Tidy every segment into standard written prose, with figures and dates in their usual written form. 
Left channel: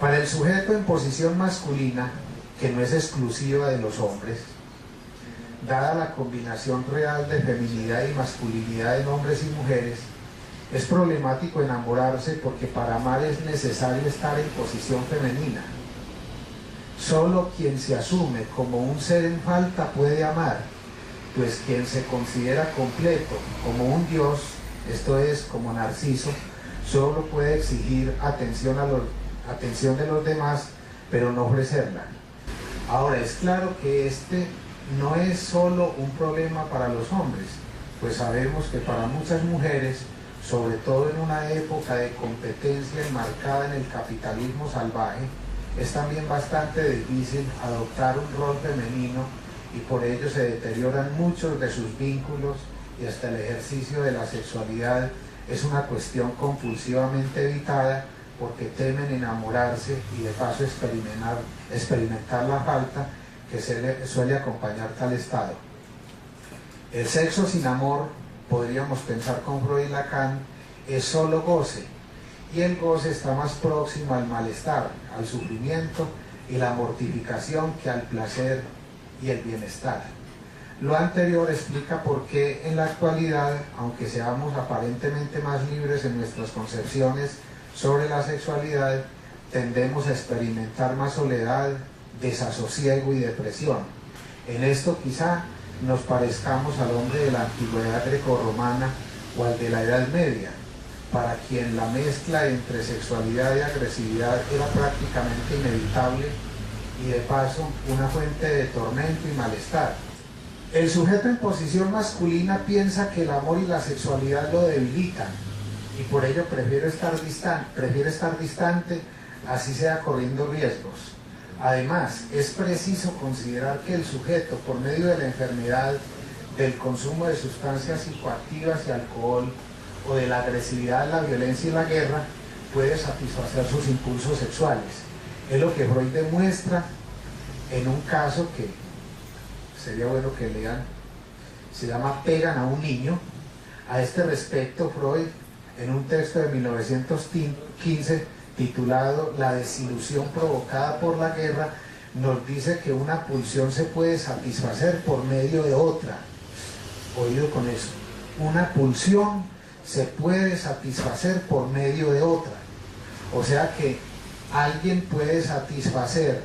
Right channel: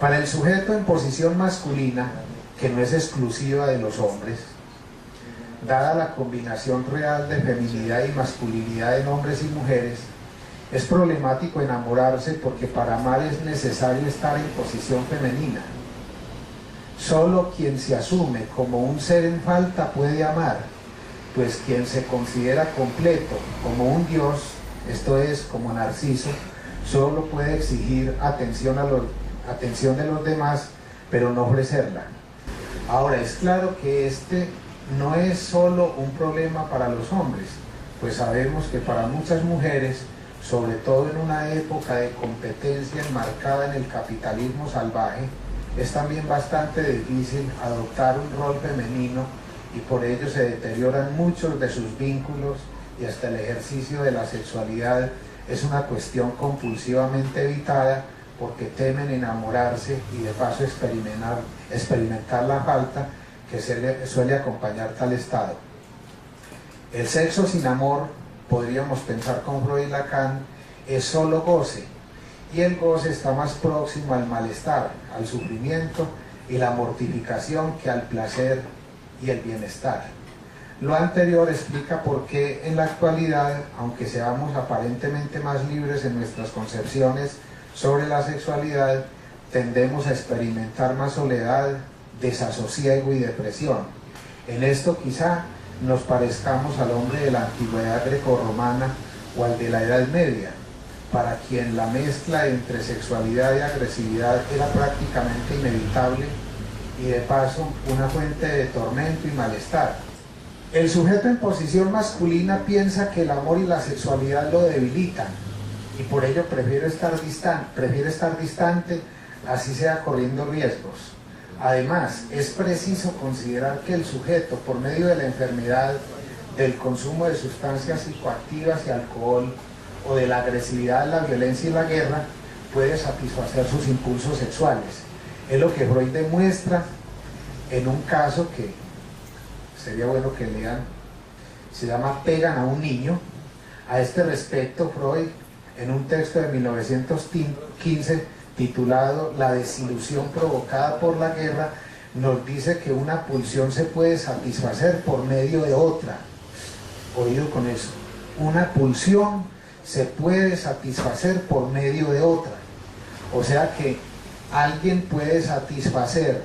Para el sujeto en posición masculina, que no es exclusiva de los hombres, dada la combinación real de feminidad y masculinidad en hombres y mujeres, es problemático enamorarse porque para amar es necesario estar en posición femenina. Solo quien se asume como un ser en falta puede amar, pues quien se considera completo como un dios, esto es, como Narciso, solo puede exigir atención de los demás, pero no ofrecerla. Ahora, es claro que este no es solo un problema para los hombres, pues sabemos que para muchas mujeres, sobre todo en una época de competencia enmarcada en el capitalismo salvaje, es también bastante difícil adoptar un rol femenino y por ello se deterioran muchos de sus vínculos y hasta el ejercicio de la sexualidad es una cuestión compulsivamente evitada porque temen enamorarse y de paso experimentar la falta que suele acompañar tal estado. El sexo sin amor, podríamos pensar con Freud y Lacan, es solo goce, y el goce está más próximo al malestar, al sufrimiento y la mortificación que al placer y el bienestar. Lo anterior explica por qué en la actualidad, aunque seamos aparentemente más libres en nuestras concepciones sobre la sexualidad, tendemos a experimentar más soledad, desasosiego y depresión. En esto quizá nos parezcamos al hombre de la antigüedad grecorromana o al de la Edad Media, para quien la mezcla entre sexualidad y agresividad era prácticamente inevitable y de paso una fuente de tormento y malestar. El sujeto en posición masculina piensa que el amor y la sexualidad lo debilitan y por ello prefiere estar distante, así sea corriendo riesgos. Además, es preciso considerar que el sujeto, por medio de la enfermedad, del consumo de sustancias psicoactivas y alcohol, o de la agresividad, la violencia y la guerra, puede satisfacer sus impulsos sexuales. Es lo que Freud demuestra en un caso que sería bueno que lean, se llama Pegan a un niño. A este respecto, Freud, en un texto de 1915 titulado La desilusión provocada por la guerra, nos dice que una pulsión se puede satisfacer por medio de otra. Oído con eso, una pulsión se puede satisfacer por medio de otra. O sea que alguien puede satisfacer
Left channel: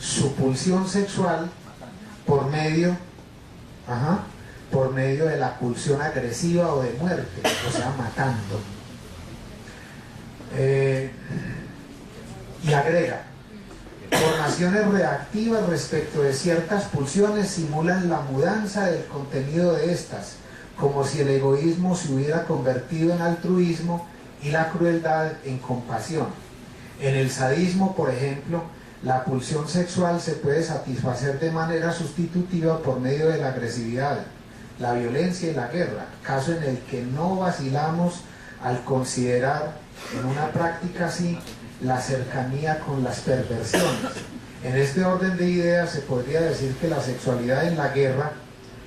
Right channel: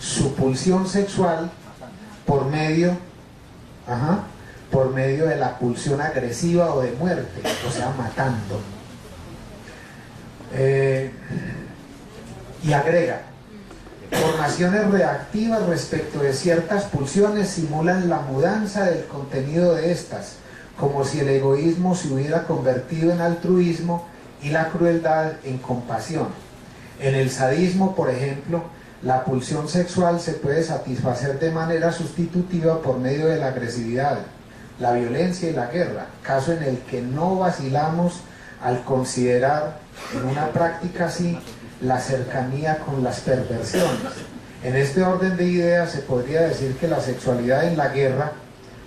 su pulsión sexual por medio de la pulsión agresiva o de muerte, o sea, matando. Y agrega, formaciones reactivas respecto de ciertas pulsiones simulan la mudanza del contenido de estas, como si el egoísmo se hubiera convertido en altruismo y la crueldad en compasión. En el sadismo, por ejemplo, la pulsión sexual se puede satisfacer de manera sustitutiva por medio de la agresividad, la violencia y la guerra, caso en el que no vacilamos al considerar en una práctica así la cercanía con las perversiones. En este orden de ideas se podría decir que la sexualidad en la guerra,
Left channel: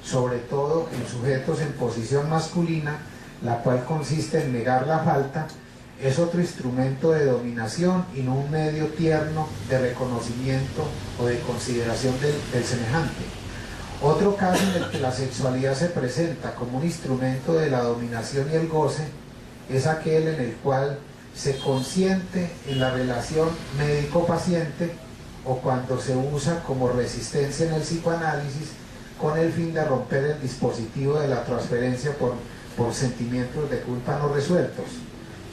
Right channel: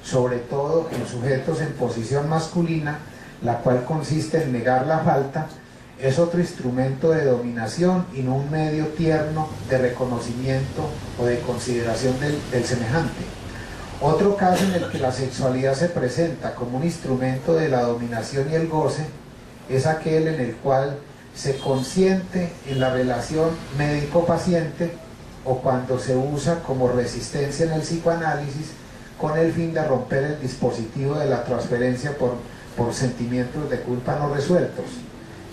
sobre todo en sujetos en posición masculina, la cual consiste en negar la falta, es otro instrumento de dominación y no un medio tierno de reconocimiento o de consideración del semejante. Otro caso en el que la sexualidad se presenta como un instrumento de la dominación y el goce es aquel en el cual se consiente en la relación médico-paciente o cuando se usa como resistencia en el psicoanálisis con el fin de romper el dispositivo de la transferencia por sentimientos de culpa no resueltos.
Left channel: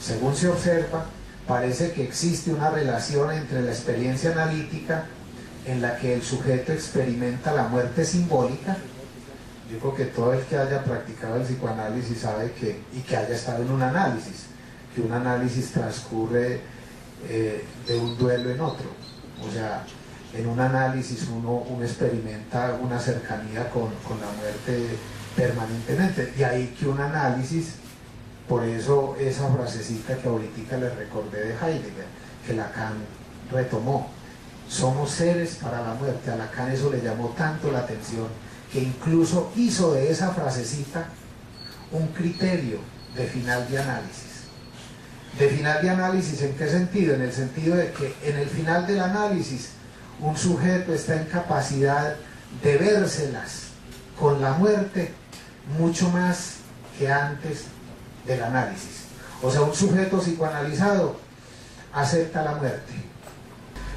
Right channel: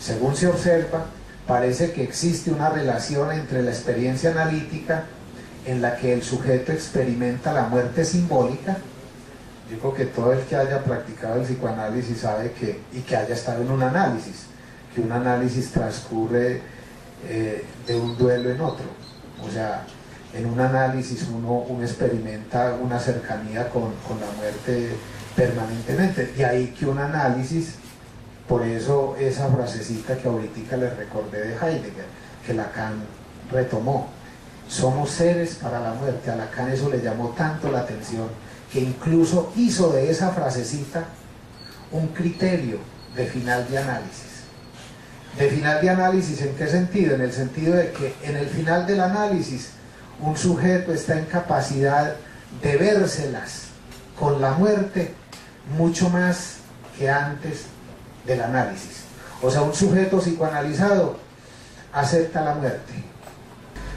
Según se observa, parece que existe una relación entre la experiencia analítica en la que el sujeto experimenta la muerte simbólica. Yo creo que todo el que haya practicado el psicoanálisis sabe y que haya estado en un análisis, que un análisis transcurre de un duelo en otro. O sea, en un análisis uno experimenta una cercanía con la muerte permanentemente. De ahí que un análisis, por eso esa frasecita que ahorita les recordé de Heidegger, que Lacan retomó, somos seres para la muerte. A Lacan eso le llamó tanto la atención que incluso hizo de esa frasecita un criterio de final de análisis. De final de análisis, ¿en qué sentido? En el sentido de que en el final del análisis un sujeto está en capacidad de vérselas con la muerte mucho más que antes del análisis. O sea, un sujeto psicoanalizado acepta la muerte.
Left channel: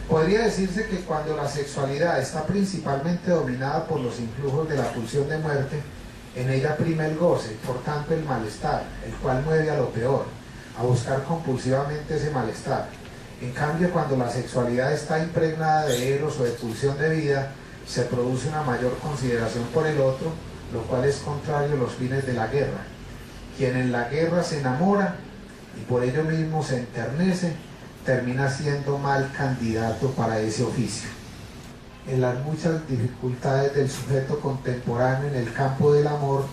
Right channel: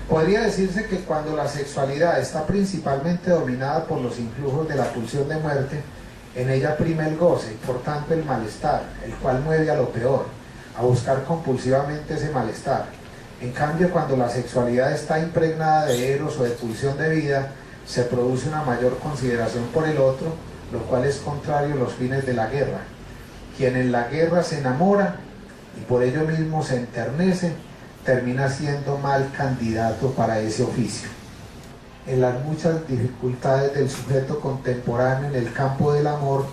Podría decirse que cuando la sexualidad está principalmente dominada por los influjos de la pulsión de muerte, en ella prima el goce y por tanto el malestar, el cual mueve a lo peor, a buscar compulsivamente ese malestar. En cambio, cuando la sexualidad está impregnada de eros o de pulsión de vida, se produce una mayor consideración por el otro, lo cual es contrario a los fines de la guerra. Quien en la guerra se enamora y por ello mismo se enternece, termina siendo mal candidato para ese oficio. En las muchas dificultades del sujeto contemporáneo en el campo del amor,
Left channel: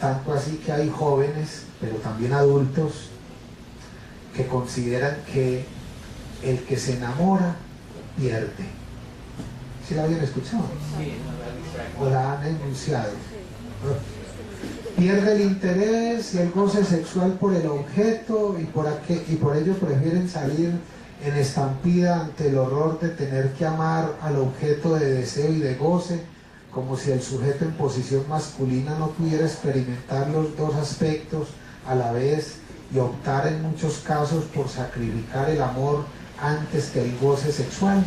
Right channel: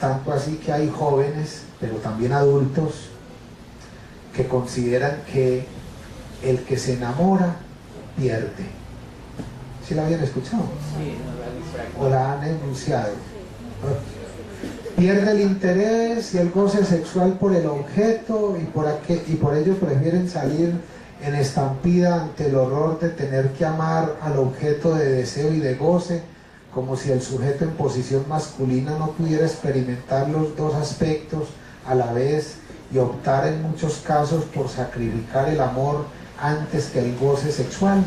tanto así que hay jóvenes, pero también adultos, que consideran que el que se enamora pierde. ¿Sí la habían escuchado? ¿O la han enunciado? Pierde el interés y el goce sexual por el objeto y por ello prefieren salir en estampida ante el horror de tener que amar al objeto de deseo y de goce, como si el sujeto en posición masculina no pudiera experimentar los dos aspectos a la vez y optar en muchos casos por sacrificar el amor antes que el goce sexual.